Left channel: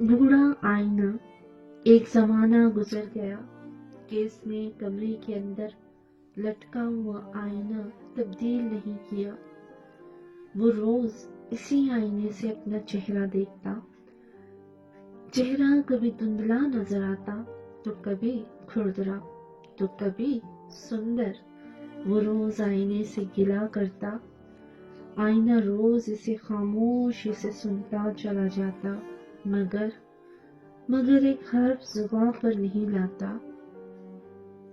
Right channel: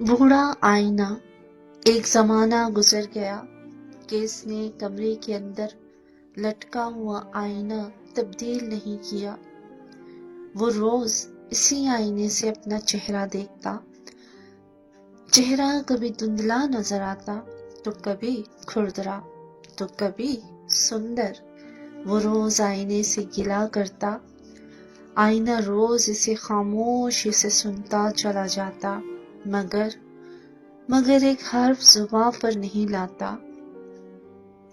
बूढ़ा आईना। एक जमाना गुजर गया कि इसने कमरे के अंदर लटका हुआ आईना तब्दील नहीं किया। वो रोज इसी आईने से अपना चेहरा देखता। चेहरा कभी धुंधला नजर आता तो कभी खुरदरा तो कभी सुंदर। वो रोज आईने से गिला करता। आईना रोज इसे खामोशी से सुनता चला जाता, मगर एक हर्फ जुबां पर नहीं लाता।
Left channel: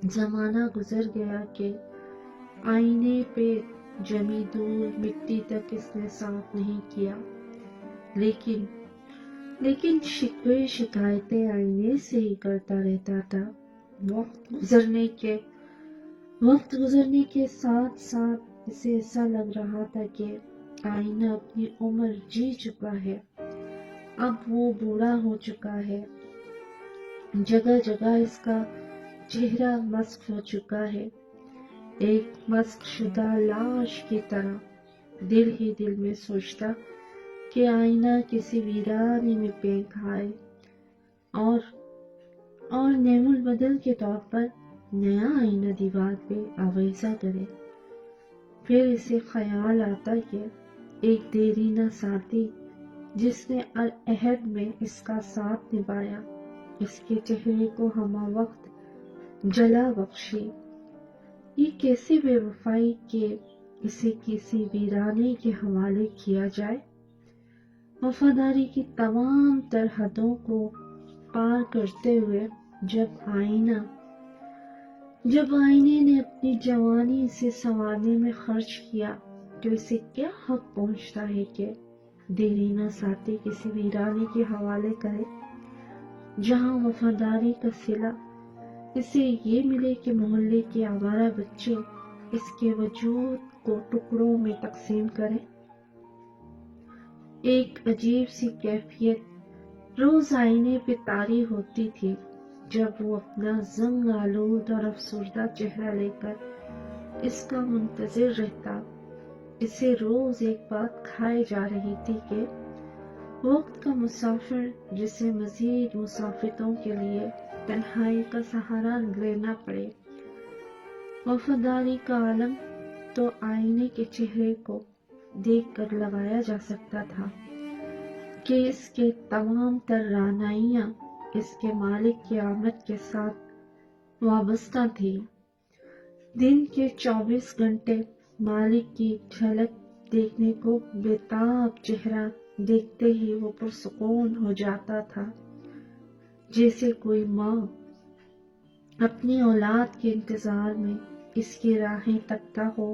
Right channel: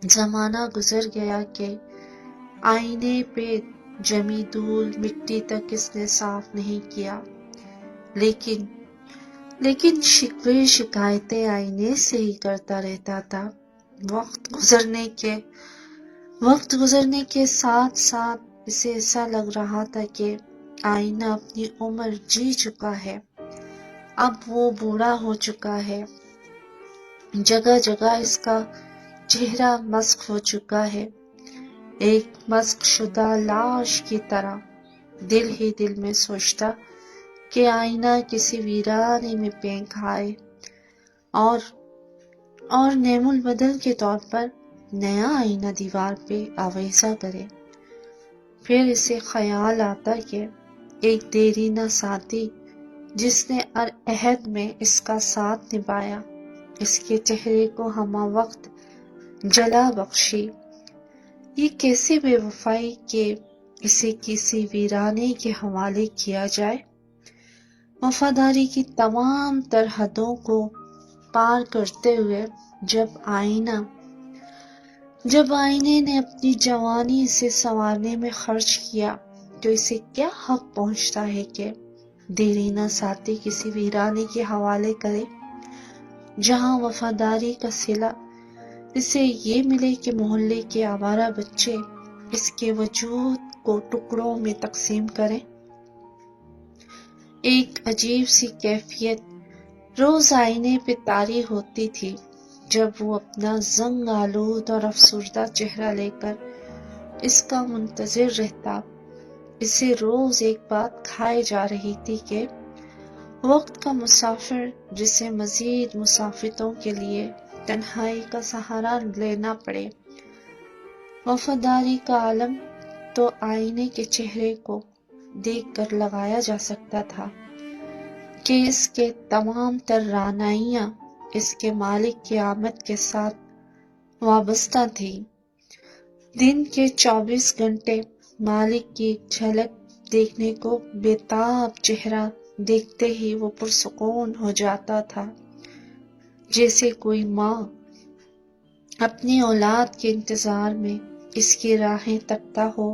जमाना गुजर गया कि आईने पे जमी धूल मिट्टी तक इसने साफ नहीं किया, लेकिन शिकवे शिकायतें आईने से ही करता रहता था। वक्त गुजरने के साथ साथ इसे ऐसा लग रहा था कि आईना अपनी उम्र जी चुका है। अब वो बूढ़ा हो चुका है। जगह जगह इसका चेहरा मस्क हो चुका है, एक मस्क शुदा लाश की तरह। दिल ही दिल में सोचता कि आईना किसी वीराने में फेंक खाए और नेमुल बदल के तौर पर नया आईना दीवार पे आवेजा करे। फिर इसे ख्याल आता कि एक देरीना साथी जिसने अहद में इसका साथ निभाया, इसके चेहरे को हमा वक्त जला बख्शी। ये कैसी बेवफाई के इसे किसी वीराने के हवाले किया जाए। वफादारी की तमाम तर हदों को पार करते हुए जब आईने ने अपनी जवानी इसे संवारने में खर्च किया, तो इसे क्या हक पहुंचता है कि देरीना साथी किसी वीराने के हवाले करे, जहां वफादारी का सिला इसे ये मिले कि मोहल्ले के आवारा बच्चे इसके वजूद को टुकड़ों में तकसीम करें। एक अजीब सी कैफियत रोज आईने पे तारी होती थी जब वो अपना जंग आलूद और अफसुर्दा चेहरा लेकर इसका मुंतजिर रहता। इसे रोज एक बात खाए जा रही थी कि वक्त का मुसाफिर जिसे मजीद मुसाफिरों के लिए तन्हाई का सहारा लेना पड़े। वफादारी का आलम तो आईने के चेहरे को देखकर लगाया जा सकता था कि इसके तमाम तर रानाइयां इसके मालिक की आमद के साथ वाबस्ता थी। दिन के 24 घंटे मालिक की एक झलक देखने को बेताब चेहरा देखते ही वो पुरसुकून हो जाता था, जैसे कोई माँ अपनी औलाद के इंतजार में इसकी राहें तकता हो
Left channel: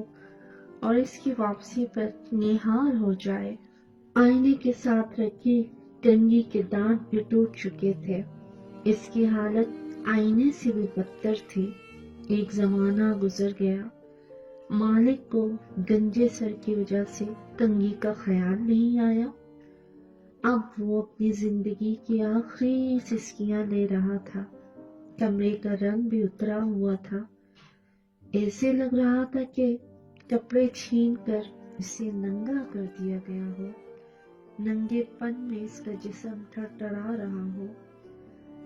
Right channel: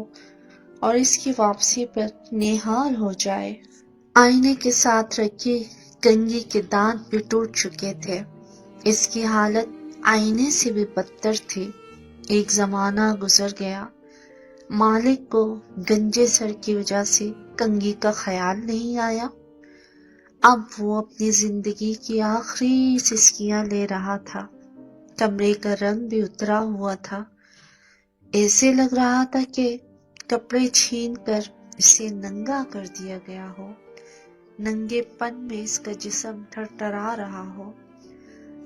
और इसकी वापसी पर निहाल हो जाए। आईने के साथ रखी कंघी के दांत भी टूट चुके थे। इसकी हालत आईने से भी बदतर थी। एक जमाना गुजर गया, मालिक को गंजे सर की वजह से कंघी का ख्याल नहीं आया। अब वो अपनी जिंदगी की आखिरी सिसकियां ले रहा था। कमरे का रंग भी उतरा हुआ था। ऐसे लग रहा था कि कपड़े छीन कर इसे नंगा कर दिया गया हो। नंगेपन में इसका जिस्म थरथरा रहा हो।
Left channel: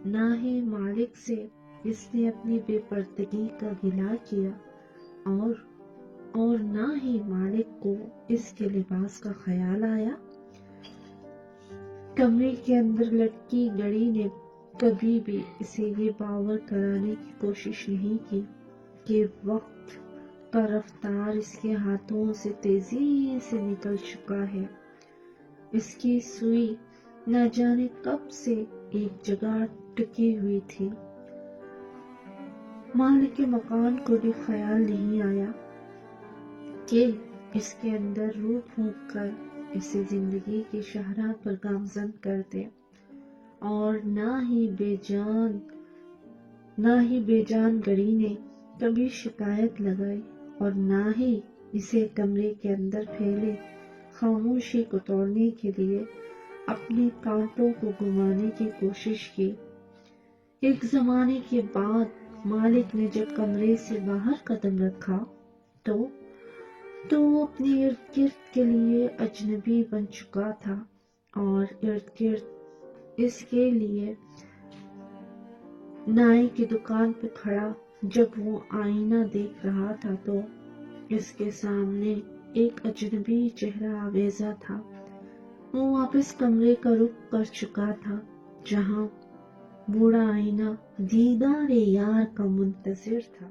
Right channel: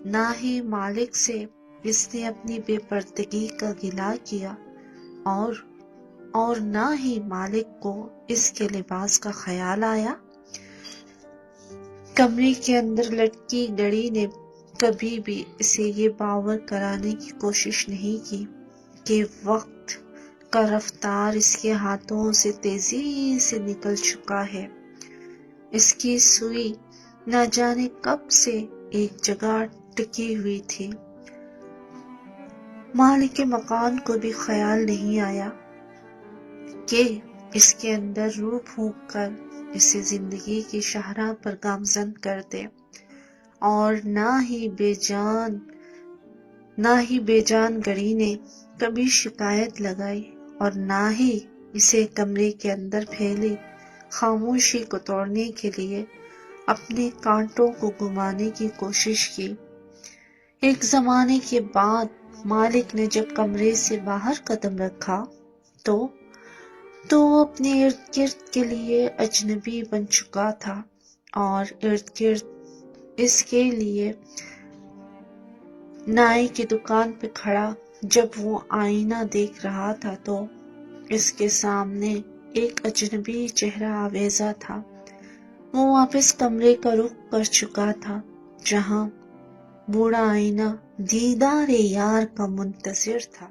ना ही मालिक से इसने अपनी बेपर्दगी का गिला किया और ना ही मालिक को इसके लिबास का ख्याल आया। कमरे के अंदर लटकी घड़ी ने कभी भी इसे ये बावर कराने की कोशिश नहीं की कि वक्त का रफ्तार इसके हाथों से तेजी से निकल चुका है। इसकी सुई न जाने कब से एक जगह टिकी हुई थी। मालिक के मकान को भी ख्याल नहीं आया कि इसके अंदर रूह फूंक कर इसे जिंदगी की शाहराह पर गामजन कर दे, और ना ही बेजान घड़ी ने कभी शिकायत लगाई और ना ही इसे कमरे के अंदर फैली खामोशी को तोड़ने के लिए अपने कांटों को घुमाने की कोशिश की। एक जमाने के बाद मालिक ने जब कमरे से बाहर कदम रखा तो वो अपने इर्द गिर्द के लिए अजनबी बन चुका था और इर्द गिर्द اس کے لیے نائی کی دکان پہ کھڑا جب وہ آئینہ دیکھ رہا تھا تو اس کے سامنے ایک اجنبی چہرہ آویزا تھا۔ وہ واپس کمرے کا رخ کر چکا تھا جہاں بوڑھا آئینہ دیدار یار کا منتظر تھا۔